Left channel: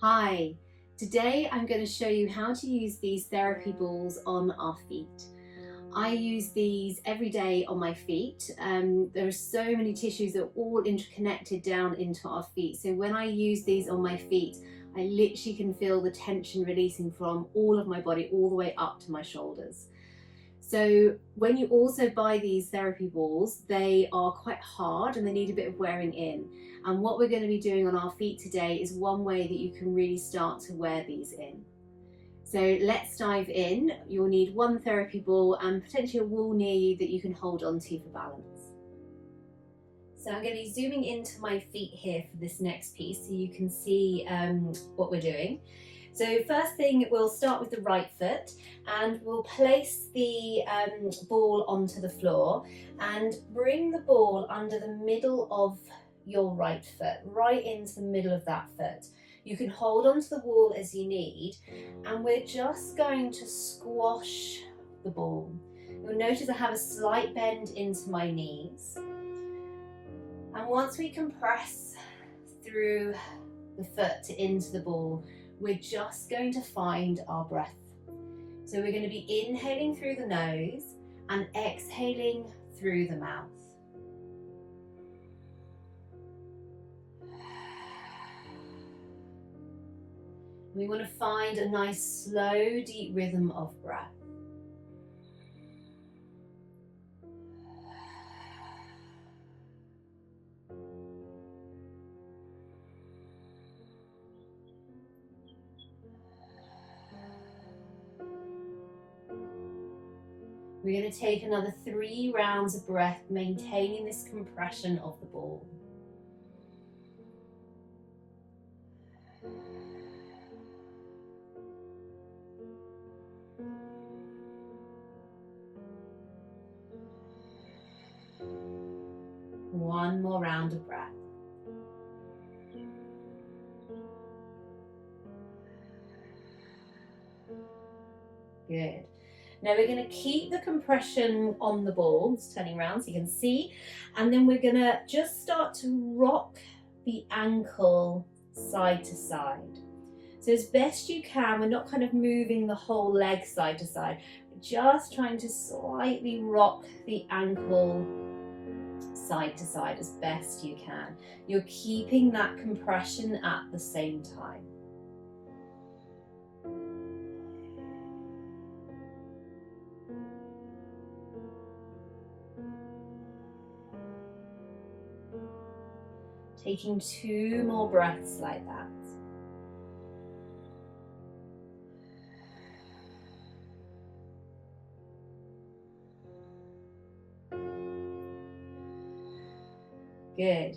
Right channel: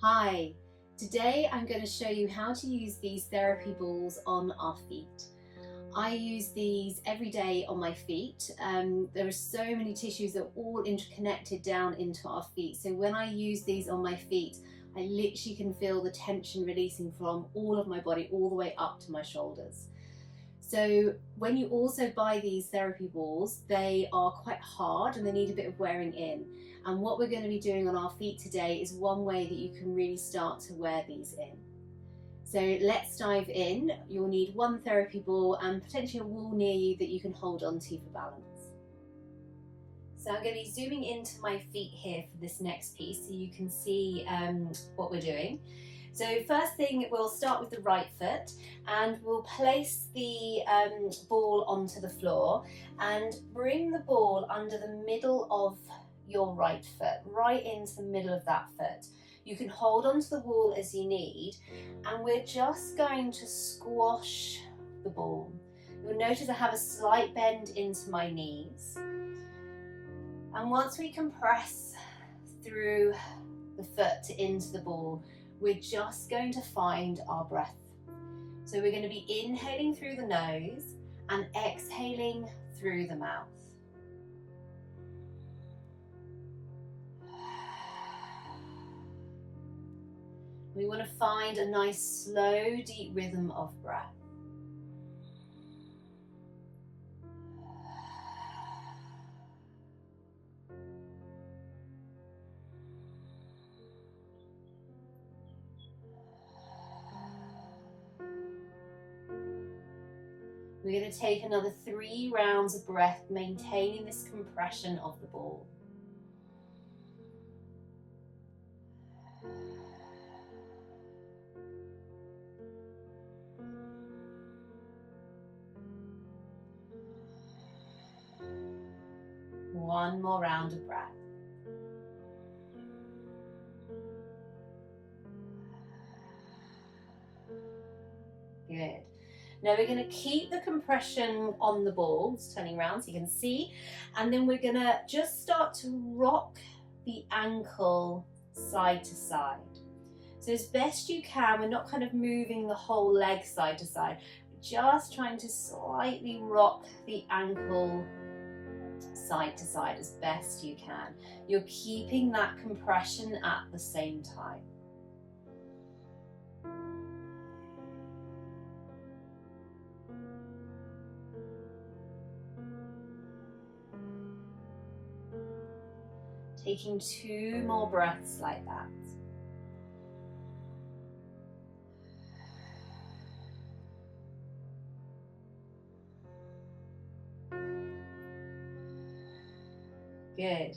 Hi, today I'm going to show you how to use these therapy balls on our feet. I use these every day on my feet. There are so many tissues that are all interconnected down into our feet. So when I use these on my feet, I literally can feel the tension releasing from all of my body all the way up to my shoulders. So when you also buy these therapy balls, they are quite hard and they need a bit of wearing in. And what we're going to be doing on our feet today is one way that you can really start to wear these in. So let's dive in. You'll need one therapy ball and potentially a wall near you that you can hold onto for balance. So I'm going to be zooming into my feet here for this next piece so you can see what we're doing. So first thing, we'll start with the right foot and we'll place the ball onto the floor and bring the ball under the middle of your right foot, right into the middle of that foot. You can hold onto the wall as you need, and we're just going to squash the ball. You'll notice I have a slight bend into my knees. And once we compress through the foot into the ball, we're just going to find our breath. So we're going to be inhaling through the nose and exhaling through the mouth. We want to find a nice, slow, deep rhythm of breath. We're going to take another 3 rounds of breath, maintaining this compression of the ball. One more round of breath. Good. Now we're going to keep the compression on the ball, it's turning around so you can see, and then we're going to just start to rock the ankle side to side. So as best you can, we're not kind of moving the whole leg side to side, we're just trying to slightly rock the ankle side to side as best you can. You're keeping that compression at the same time. Taking 2 more breaths like that. Good.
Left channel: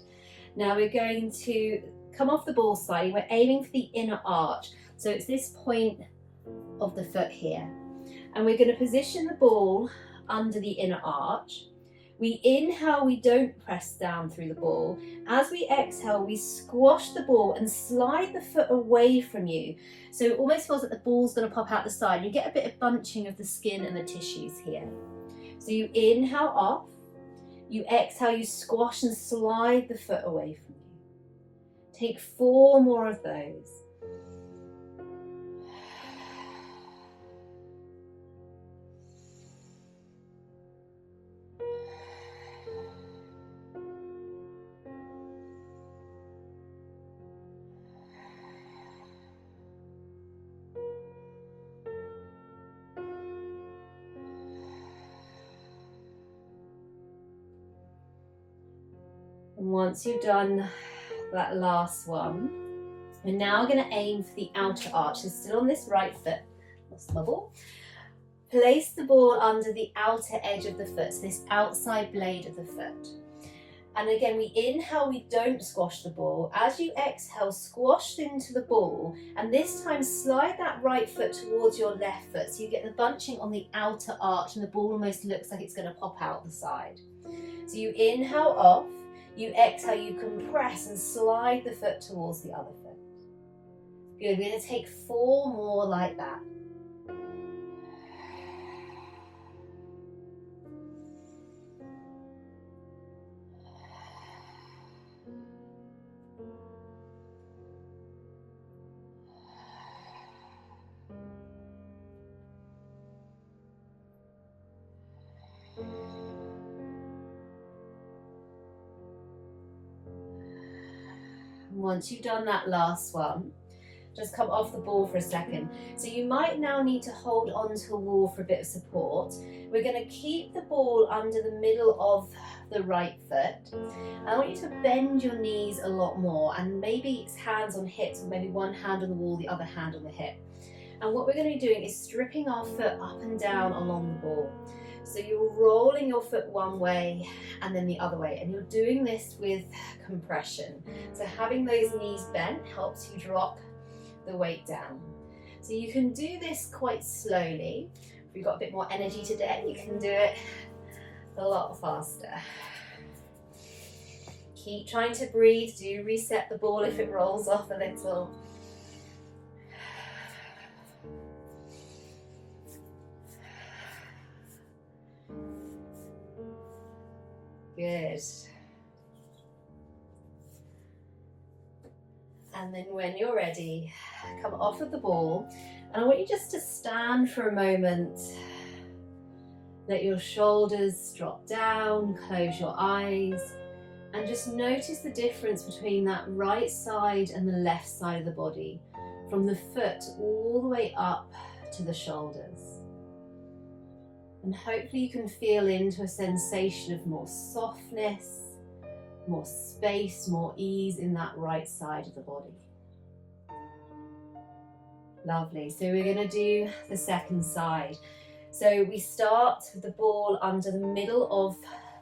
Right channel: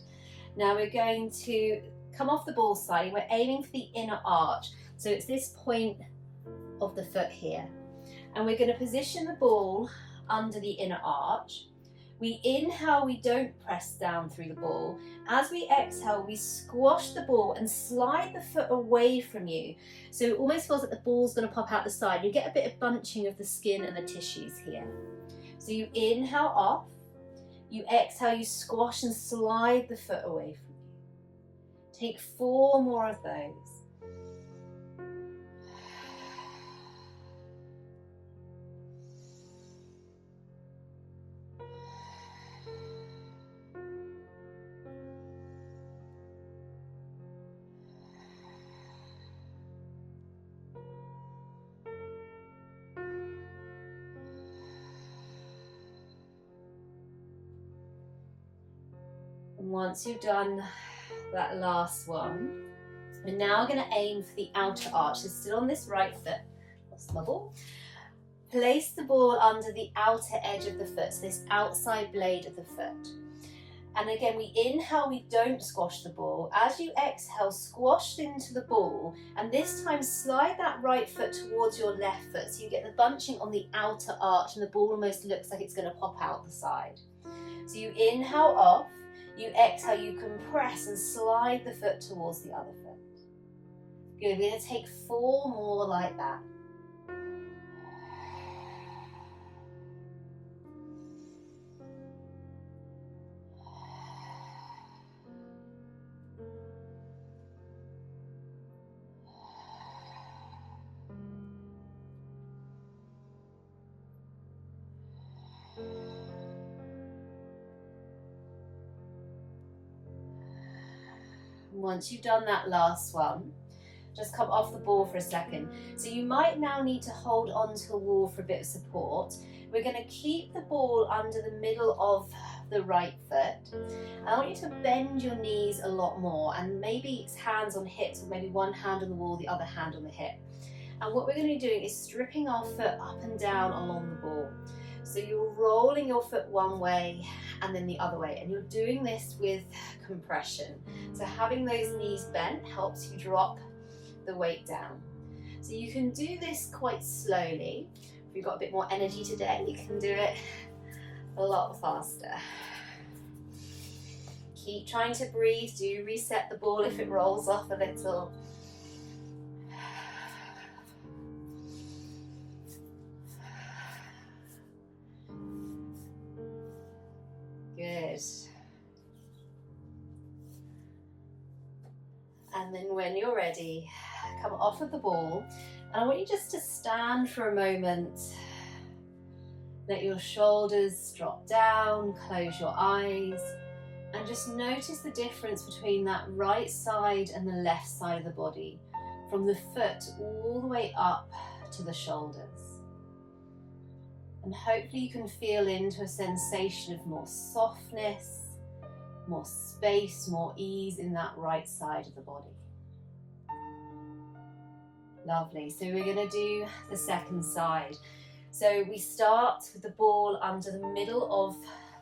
Now we're going to come off the ball slightly. We're aiming for the inner arch. So it's this point of the foot here. And we're going to position the ball under the inner arch. We inhale, we don't press down through the ball. As we exhale, we squash the ball and slide the foot away from you. So it almost feels like the ball's going to pop out the side. You get a bit of bunching of the skin and the tissues here. So you inhale off, you exhale, you squash and slide the foot away from you. Take 4 more of those. And once you've done that last one, we're now going to aim for the outer arch. So still on this right foot, lost my ball. Place the ball under the outer edge of the foot, so this outside blade of the foot. And again, we inhale, we don't squash the ball. As you exhale, squash into the ball, and this time slide that right foot towards your left foot, so you get the bunching on the outer arch and the ball almost looks like it's going to pop out the side. So you inhale off, you exhale, you compress and slide the foot towards the other foot. Good, we're going to take 4 more like that. Once you've done that last one, just come off the ball for a second. So you might now need to hold onto a wall for a bit of support. We're going to keep the ball under the middle of the right foot. I want you to bend your knees a lot more, and maybe it's hands on hips, or maybe one hand on the wall, the other hand on the hip. And what we're going to be doing is stripping our foot up and down along the ball. So you're rolling your foot one way and then the other way, and you're doing this with compression. So having those knees bent helps you drop the weight down. So you can do this quite slowly. If you've got a bit more energy today, you can do it a lot faster. Keep trying to breathe. Do reset the ball if it rolls off a little. Good. And then when you're ready, come off of the ball, and I want you just to stand for a moment. Let your shoulders drop down, close your eyes, and just notice the difference between that right side and the left side of the body, from the foot all the way up to the shoulders. And hopefully you can feel into a sensation of more softness, more space, more ease in that right side of the body. Lovely. So we're going to do the second side. So we start with the ball under the middle of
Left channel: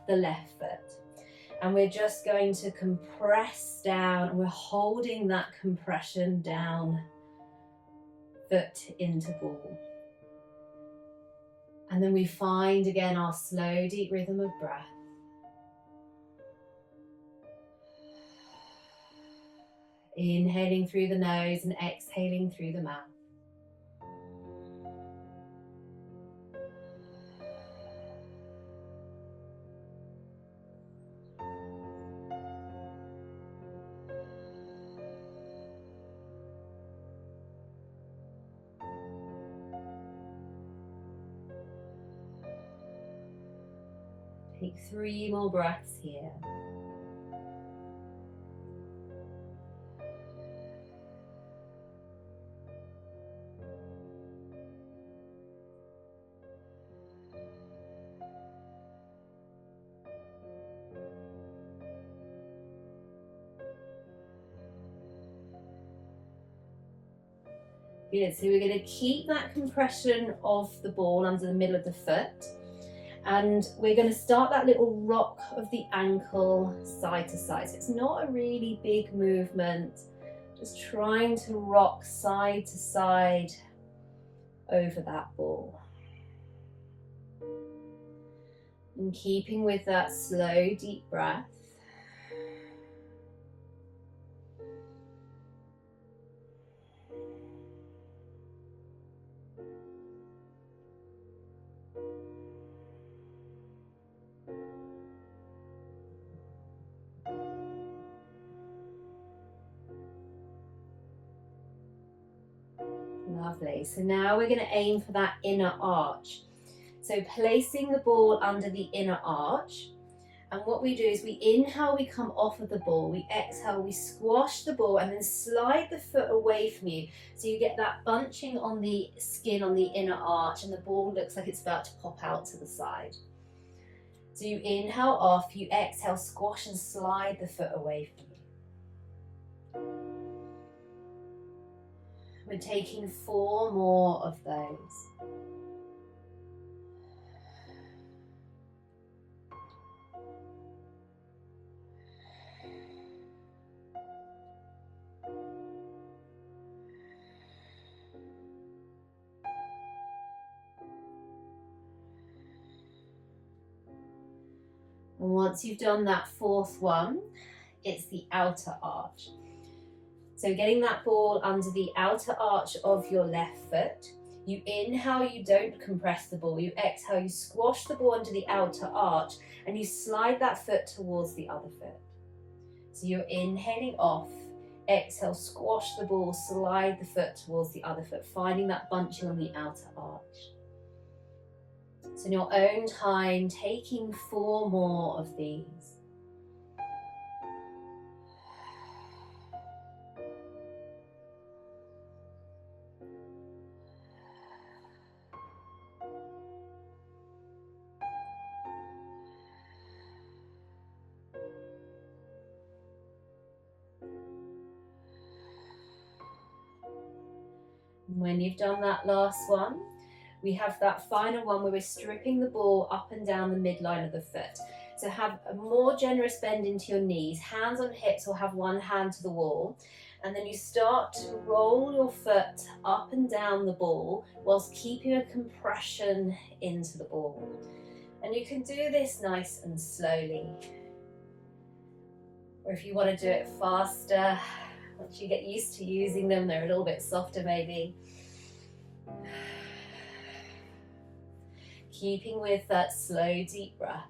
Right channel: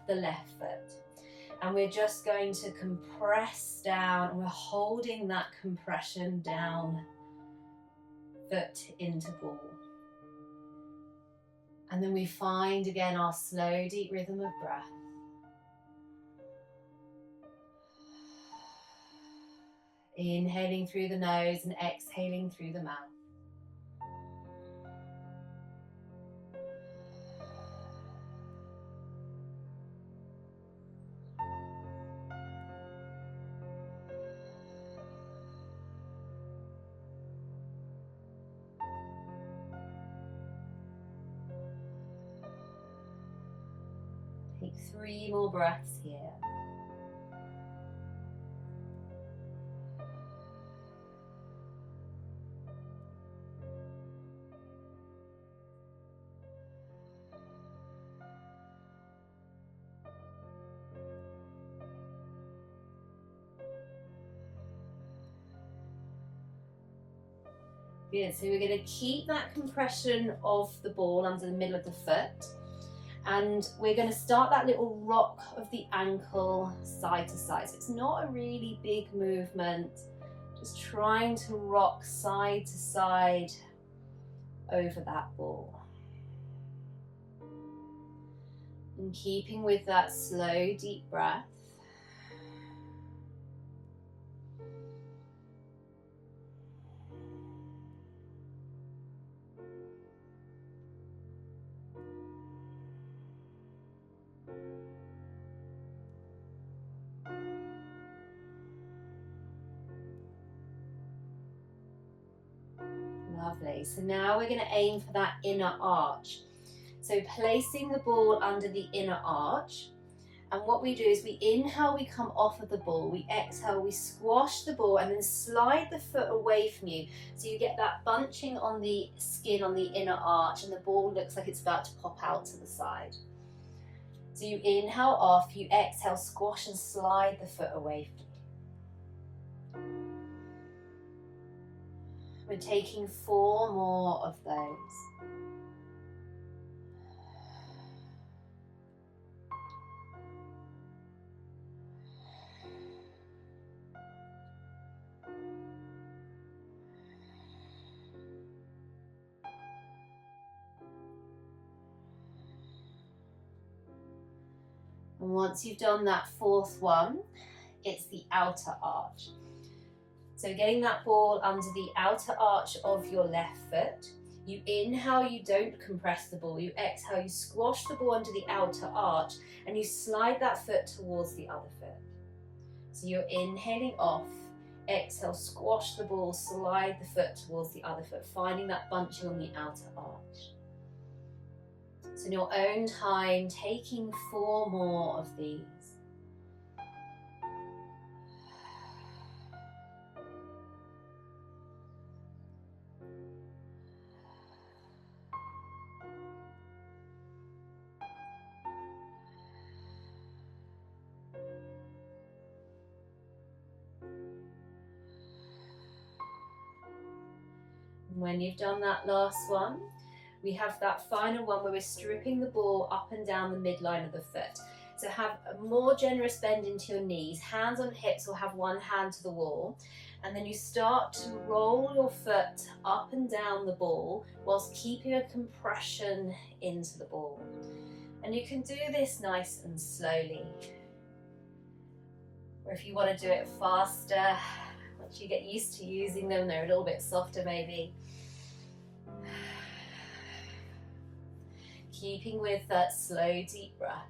the left foot, and we're just going to compress down, and we're holding that compression down, foot into ball. And then we find again our slow, deep rhythm of breath. Inhaling through the nose and exhaling through the mouth. Take 3 more breaths here. Good, so we're going to keep that compression of the ball under the middle of the foot, and we're going to start that little rock of the ankle side to side. So it's not a really big movement, just trying to rock side to side over that ball. And keeping with that slow, deep breath. Lovely. So now we're going to aim for that inner arch. So placing the ball under the inner arch. And what we do is we inhale, we come off of the ball. We exhale, we squash the ball and then slide the foot away from you. So you get that bunching on the skin on the inner arch, and the ball looks like it's about to pop out to the side. So you inhale off, you exhale, squash and slide the foot away from you. We're taking 4 more of those. And once you've done that 4th one, it's the outer arch. So getting that ball under the outer arch of your left foot. You inhale, you don't compress the ball. You exhale, you squash the ball under the outer arch, and you slide that foot towards the other foot. So you're inhaling off, exhale, squash the ball, slide the foot towards the other foot, finding that bunching on the outer arch. So in your own time, taking 4 more of these. When you've done that last one, we have that final one where we're stripping the ball up and down the midline of the foot. So have a more generous bend into your knees, hands on hips, or have one hand to the wall. And then you start to roll your foot up and down the ball whilst keeping a compression into the ball. And you can do this nice and slowly. Or if you want to do it faster, once you get used to using them, they're a little bit softer maybe. Keeping with that slow, deep breath.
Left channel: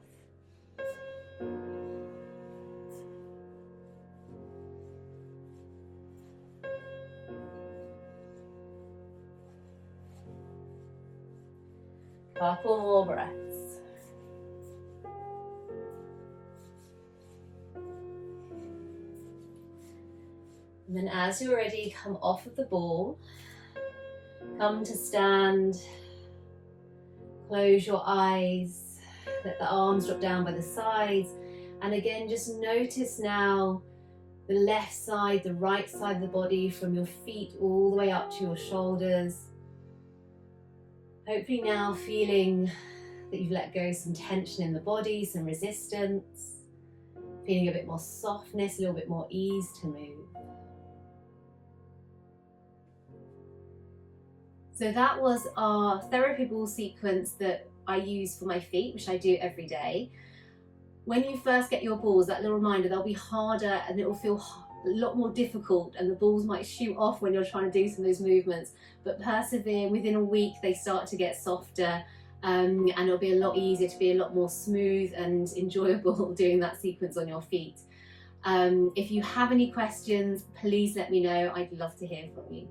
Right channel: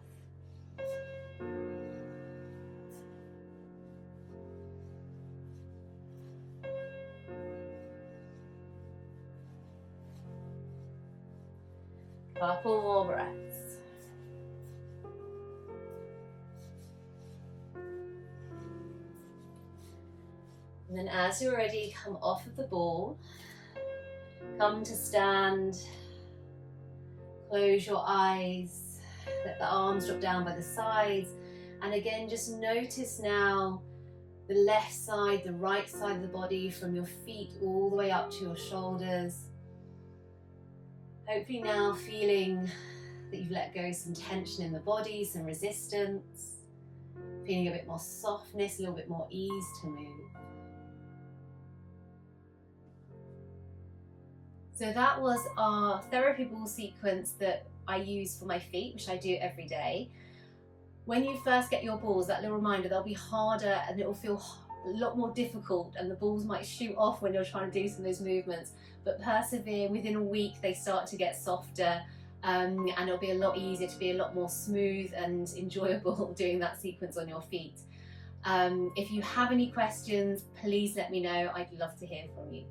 Couple more breaths. And then as you're ready, come off of the ball. Come to stand. Close your eyes. Let the arms drop down by the sides. And again, just notice now the left side, the right side of the body, from your feet all the way up to your shoulders. Hopefully now feeling that you've let go some tension in the body, some resistance, feeling a bit more softness, a little bit more ease to move. So that was our therapy ball sequence that I use for my feet, which I do every day. When you first get your balls, that little reminder, they'll be harder and it will feel a lot more difficult, and the balls might shoot off when you're trying to do some of those movements, but persevere. Within a week they start to get softer, and it'll be a lot easier, to be a lot more smooth and enjoyable doing that sequence on your feet. If you have any questions, please let me know. I'd love to hear from you.